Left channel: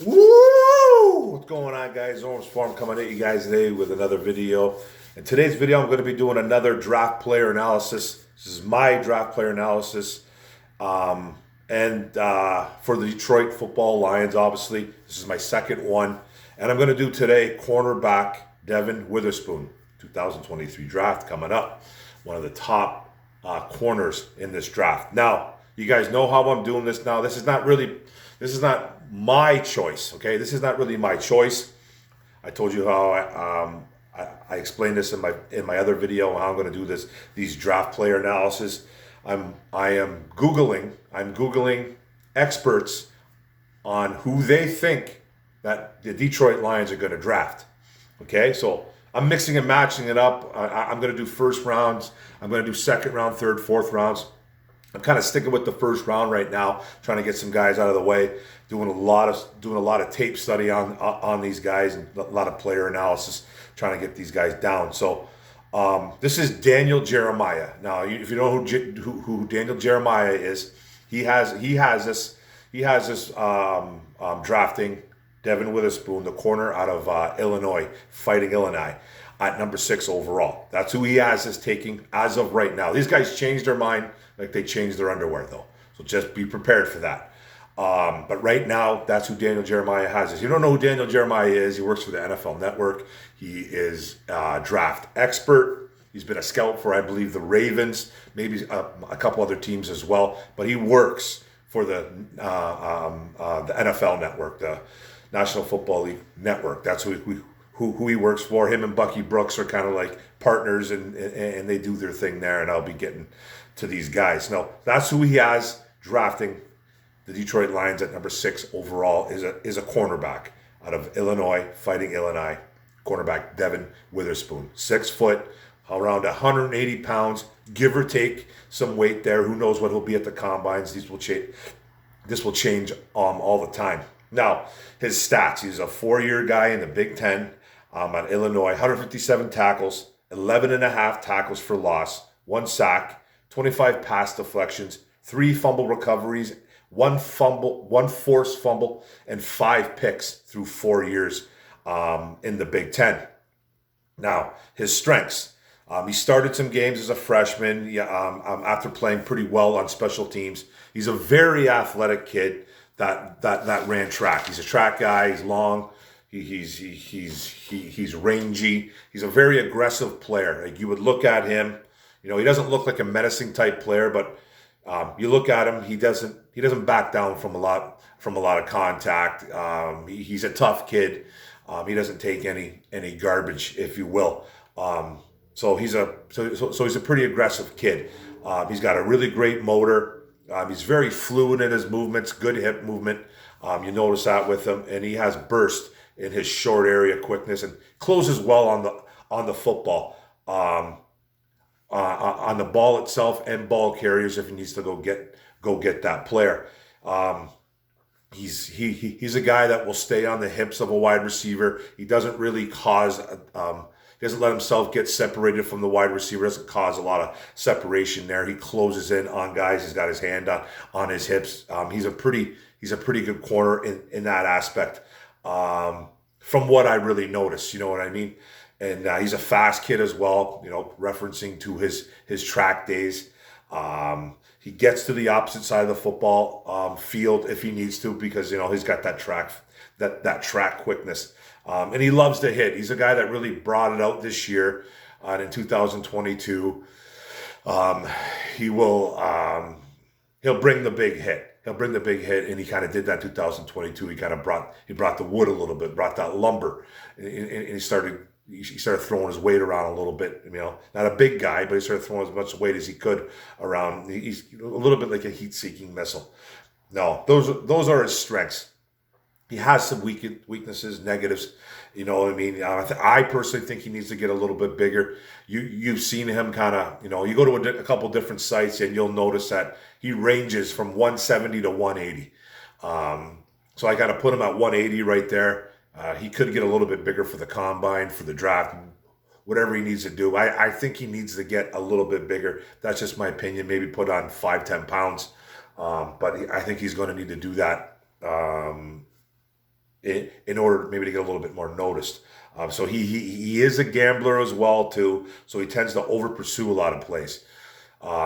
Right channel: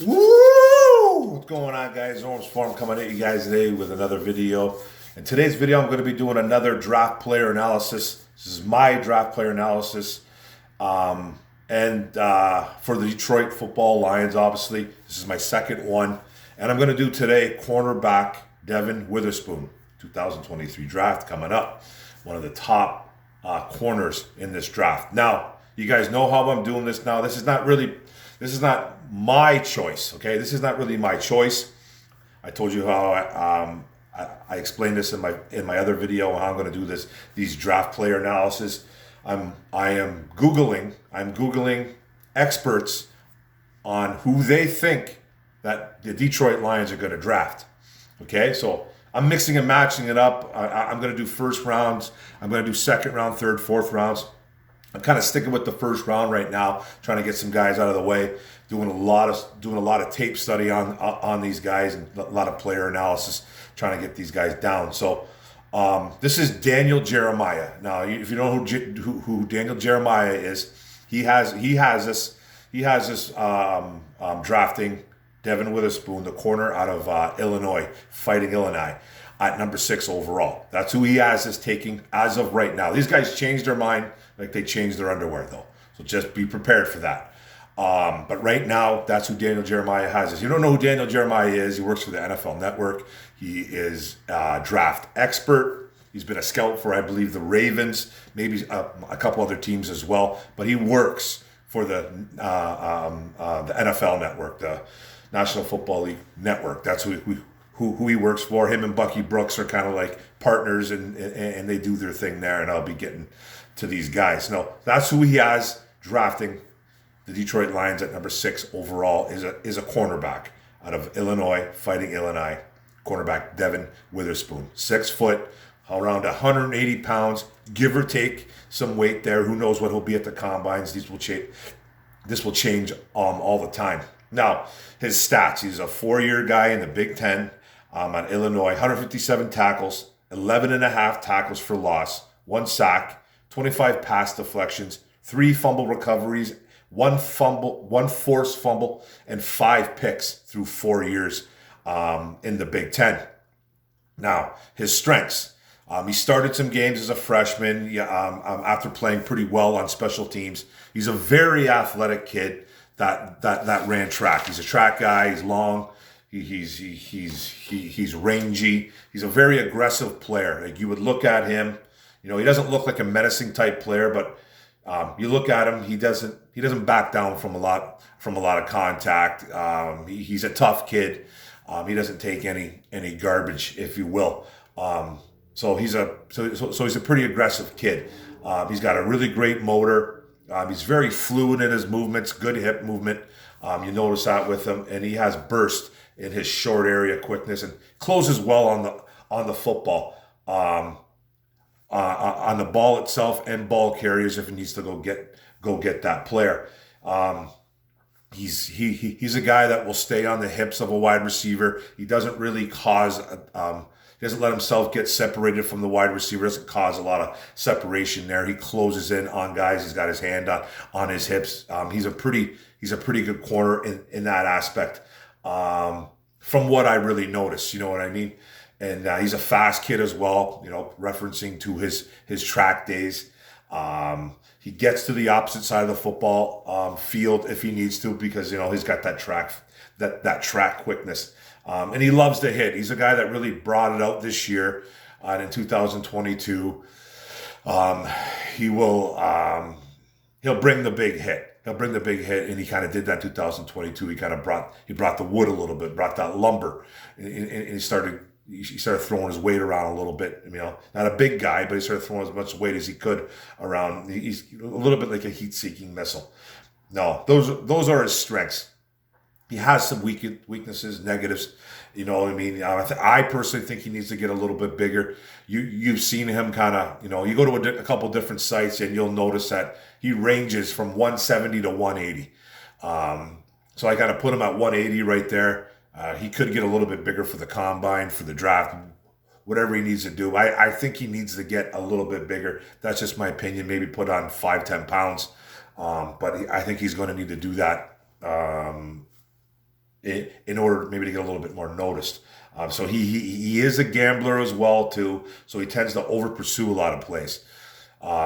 Woo! What's going on, guys? Orms Farm coming at you guys today with another video. In today's video, I'm going to be doing another draft player analysis. This is my draft player analysis. For the Detroit Football Lions, obviously, this is my second one. And I'm going to do today cornerback DEVON Witherspoon, 2023 draft coming up. One of the top corners in this draft. Now, you guys know how I'm doing this now. This is not my choice, okay? This is not really my choice. I told you how I explained this in my other video, how I'm going to do these draft player analysis. I'm googling experts on who they think that the Detroit Lions are going to draft. Okay, so I'm mixing and matching it up. I'm going to do first rounds. I'm going to do second round, third, fourth rounds. I'm kind of sticking with the first round right now, trying to get some guys out of the way. Doing a lot of tape study on these guys and a lot of player analysis, trying to get these guys down. So this is Daniel Jeremiah. Now, if you know who Daniel Jeremiah is, he has this drafting DEVON Witherspoon, the corner out of Illinois, Fighting Illini, at number 6 overall. That's who he has as taking as of right now. These guys changed their mind like they changed their underwear, though. So just be prepared for that. But right now, that's who Daniel Jeremiah has. If you don't know who Daniel Jeremiah is, he works for the NFL Network. He is a draft expert. He's been a scout for, I believe, the Ravens, maybe a couple other teams as well. But he works for the NFL Network, the National Football League Network. That's who he works for. Him and Bucky Brooks are kind of like partners, and they do their thing there. And I'll be getting to these guys. Now, that's who he has drafting the Detroit Lions at number 6 overall is a cornerback out of Illinois, Fighting Illini, cornerback DEVON Witherspoon. 6 foot, around 180 pounds, give or take some weight there. Who knows what he'll be at the combines? This will change all the time. Now, his stats. He's a 4-year guy in the Big Ten at Illinois. 157 tackles, 11.5 tackles for loss, 1 sack, 25 pass deflections, 3 fumble recoveries, 1 forced fumble, and 5 picks through 4 years in the Big Ten. Now, his strengths. He started some games as a freshman after playing pretty well on special teams. He's a very athletic kid that ran track. He's a track guy. He's long. He's rangy. He's a very aggressive player. Like, you would look at him. You know, he doesn't look like a menacing type player, but you look at him. He doesn't back down from a lot of contact. He's a tough kid. He doesn't take any garbage, if you will. So he's a pretty aggressive kid. He's got a really great motor. He's very fluid in his movements, good hip movement. You notice that with him, and he has burst in his short area quickness and closes well on the football, on the ball itself and ball carriers if he needs to go get that player. He's a guy that will stay on the hips of a wide receiver. He doesn't really he doesn't let himself get separated from the wide receiver. Doesn't cause a lot of separation there. He closes in on guys. He's got his hand on his hips. He's a pretty good corner in that aspect. From what I really noticed, you know what I mean? And he's a fast kid as well, you know, referencing to his track days. He gets to the opposite side of the football field if he needs to, because, you know, he's got that track quickness. And he loves to hit. He's a guy that really brought it out this year. And in 2022, he'll bring the big hit. He'll bring the big hit, and he kind of did that in 2022. He brought the wood a little bit, brought that lumber, and he started throwing his weight around a little bit. You know, not a big guy, but he started throwing as much weight as he could around. He's a little bit like a heat-seeking missile. No, those are his strengths. He has some weaknesses, negatives. You know what I mean? I personally think he needs to get a little bit bigger. You've seen him kind of, you know, you go to a couple different sites and you'll notice that he ranges from 170 to 180. So I got to put him at 180 right there. He could get a little bit bigger for the combine, for the draft, whatever he needs to do. I think he needs to get a little bit bigger. That's just my opinion. Maybe put on 5-10 pounds. But I think he's going to need to do that in order maybe to get a little bit more noticed. So he is a gambler as well too. So he tends to over pursue a lot of plays.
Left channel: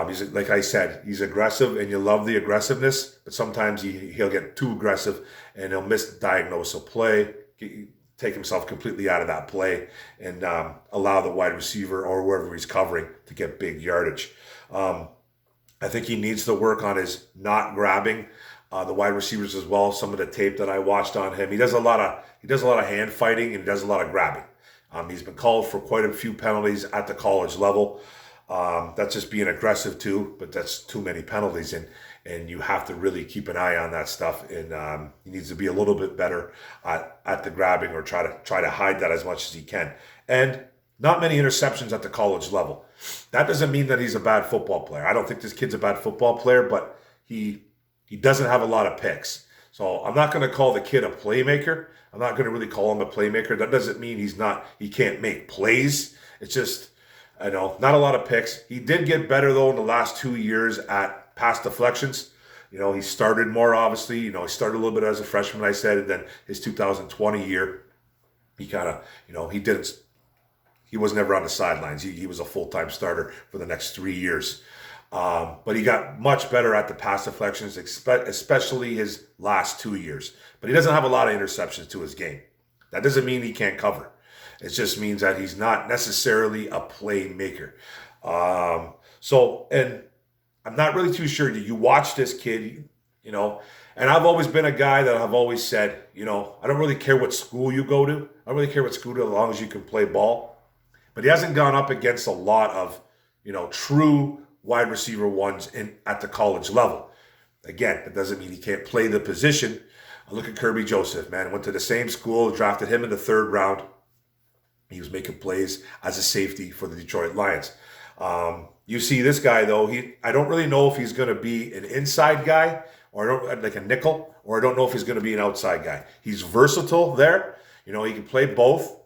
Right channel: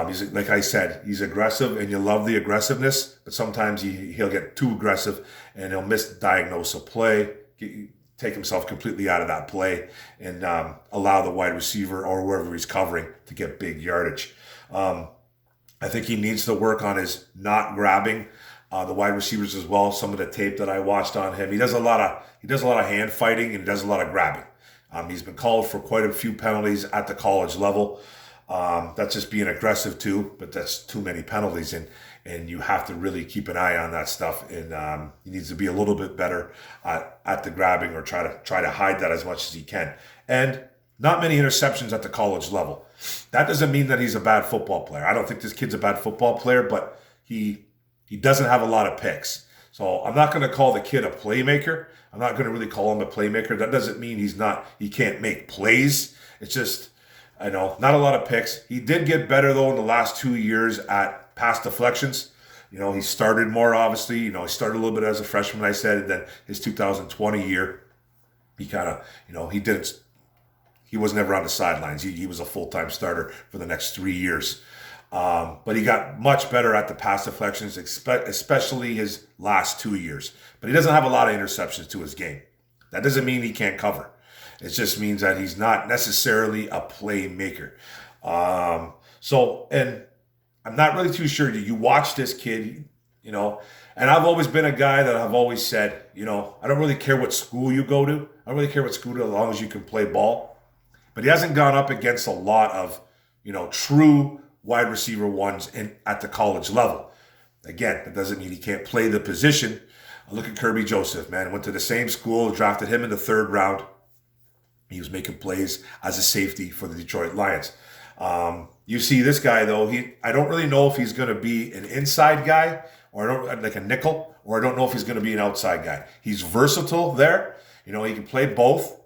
He's like I said, he's aggressive, and you love the aggressiveness, but sometimes he'll get too aggressive and he'll misdiagnose a play, take himself completely out of that play, and allow the wide receiver or wherever he's covering to get big yardage. I think he needs to work on his not grabbing the wide receivers as well. Some of the tape that I watched on him, he does a lot of hand fighting and he does a lot of grabbing. He's been called for quite a few penalties at the college level. That's just being aggressive too, but that's too many penalties, and you have to really keep an eye on that stuff. And he needs to be a little bit better at the grabbing, or try to hide that as much as he can. And not many interceptions at the college level. That doesn't mean that he's a bad football player. I don't think this kid's a bad football player, but he doesn't have a lot of picks. So I'm not going to call the kid a playmaker. I'm not going to really call him a playmaker. That doesn't mean he can't make plays. It's just, I know, not a lot of picks. He did get better, though, in the last 2 years at pass deflections. He started more, obviously. He started a little bit as a freshman, I said, and then his 2020 year, he kind of, he was never on the sidelines. He was a full-time starter for the next 3 years. But he got much better at the pass deflections, especially his last 2 years. But he doesn't have a lot of interceptions to his game. That doesn't mean he can't cover. It just means that he's not necessarily a playmaker. And I'm not really too sure. You watch this kid, and I've always been a guy that I've always said, I don't really care what school you go to. I don't really care what school you go to, as long as you can play ball. But he hasn't gone up against a lot of, true wide receiver ones at the college level. Again, that doesn't mean he can't play the position. Look at Kirby Joseph, man. Went to the same school, drafted him in the 3rd round. He was making plays as a safety for the Detroit Lions. You see this guy, though, I don't really know if he's going to be an inside guy, or like a nickel, or I don't know if he's going to be an outside guy. He's versatile there. He can play both.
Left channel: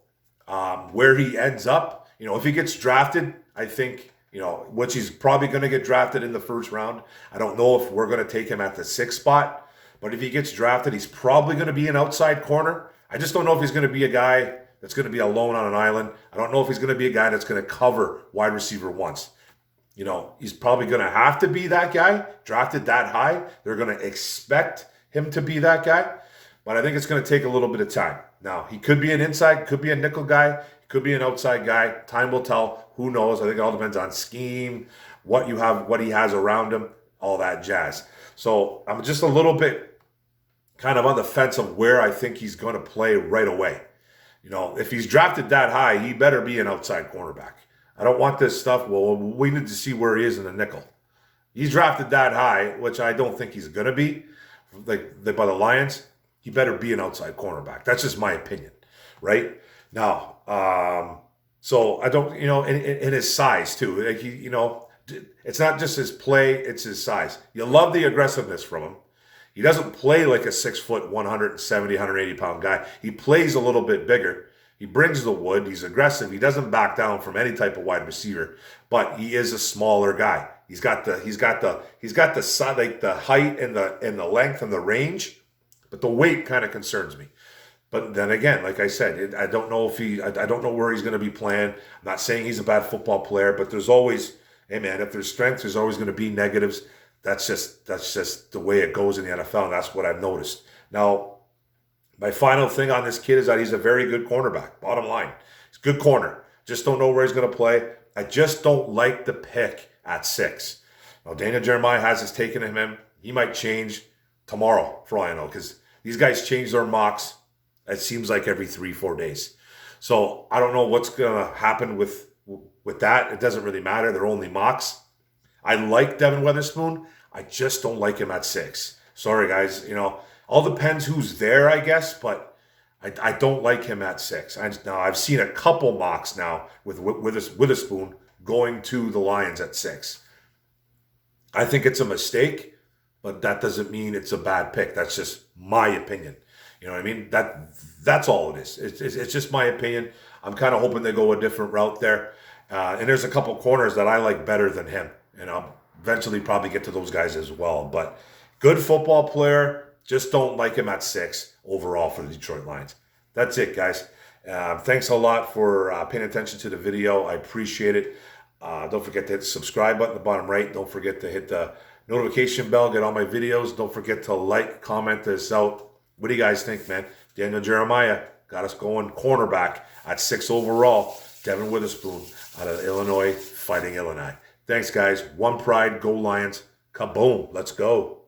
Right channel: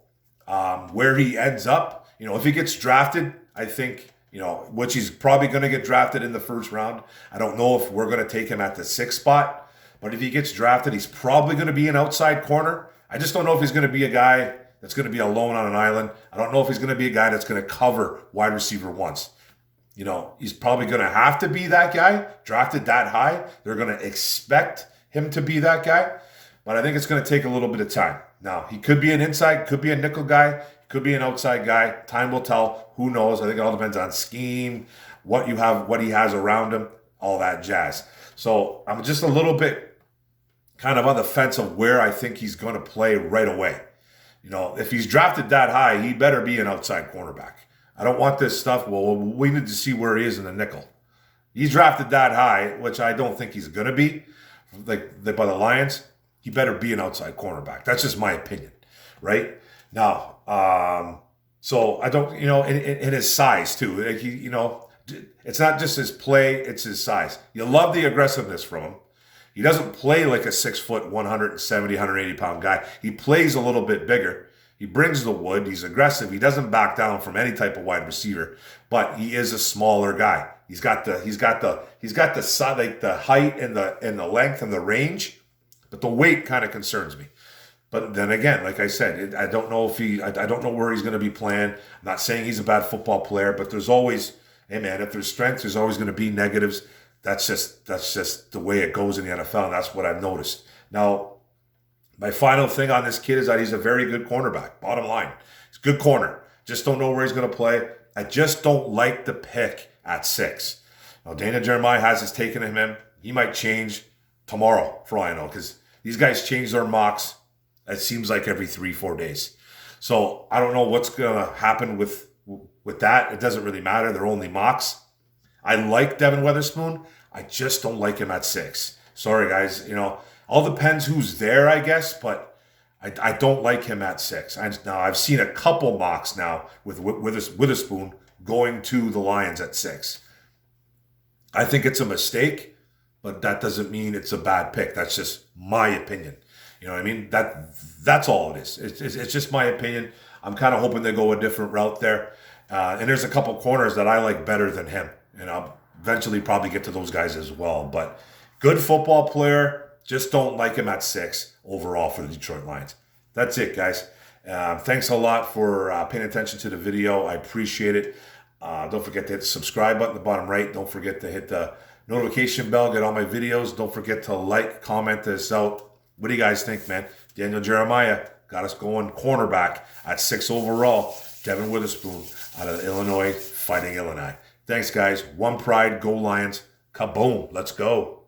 Where he ends up, if he gets drafted, I think, which he's probably going to get drafted in the 1st round. I don't know if we're going to take him at the 6th spot, but if he gets drafted, he's probably going to be an outside corner. I just don't know if he's going to be a guy that's going to be alone on an island. I don't know if he's going to be a guy that's going to cover wide receiver once. He's probably going to have to be that guy, drafted that high. They're going to expect him to be that guy, but I think it's going to take a little bit of time. Now, he could be an inside, could be a nickel guy, could be an outside guy. Time will tell. Who knows? I think it all depends on scheme, what he has around him, all that jazz. So I'm just a little bit kind of on the fence of where I think he's going to play right away. If he's drafted that high, he better be an outside cornerback. I don't want this stuff. Well, we need to see where he is in the nickel. He's drafted that high, which I don't think he's going to be, by the Lions. He better be an outside cornerback. That's just my opinion, right? Now, so I don't, in his size too. It's not just his play; it's his size. You love the aggressiveness from him. He doesn't play like a 6 foot, 170, 180 pound guy. He plays a little bit bigger. He brings the wood. He's aggressive. He doesn't back down from any type of wide receiver. But he is a smaller guy. He's got the like the height and the length and the range, but the weight kind of concerns me. But then again, like I said, I don't know I don't know where he's going to be playing. I'm not saying he's a bad football player, but there's always, hey man, if there's strengths, there's always going to be negatives. That's just the way it goes in the NFL, and that's what I've noticed. Now, my final thing on this kid is that he's a very good cornerback. Bottom line, he's a good corner. Just don't know where he's going to play. I just don't like the pick at 6. Now, Dana Jeremiah has his taken him in. He might change tomorrow, for all I know, because these guys change their mocks. It seems like every 3-4 days. So I don't know what's going to happen with that. It doesn't really matter. They're only mocks. I like Devon Witherspoon. I just don't like him at 6. Sorry, guys. All depends who's there, I guess, but I don't like him at 6. Now, I've seen a couple mocks now with Witherspoon going to the Lions at 6. I think it's a mistake, but that doesn't mean it's a bad pick. That's just my opinion. You know what I mean? That's all it is. It's just my opinion. I'm kind of hoping they go a different route there. And there's a couple corners that I like better than him. And I'll eventually probably get to those guys as well. But good football player, Just don't like him at 6 overall for the Detroit Lions. That's it, guys. Thanks a lot for paying attention to the video. I appreciate it. Don't forget to hit the subscribe button at the bottom right. Don't forget to hit the notification bell, get all my videos. Don't forget to like, comment this out. What do you guys think, man? Daniel Jeremiah got us going cornerback at 6 overall. Devon Witherspoon out of Illinois, fighting Illinois. Thanks, guys. One pride, go Lions. Kaboom. Let's go.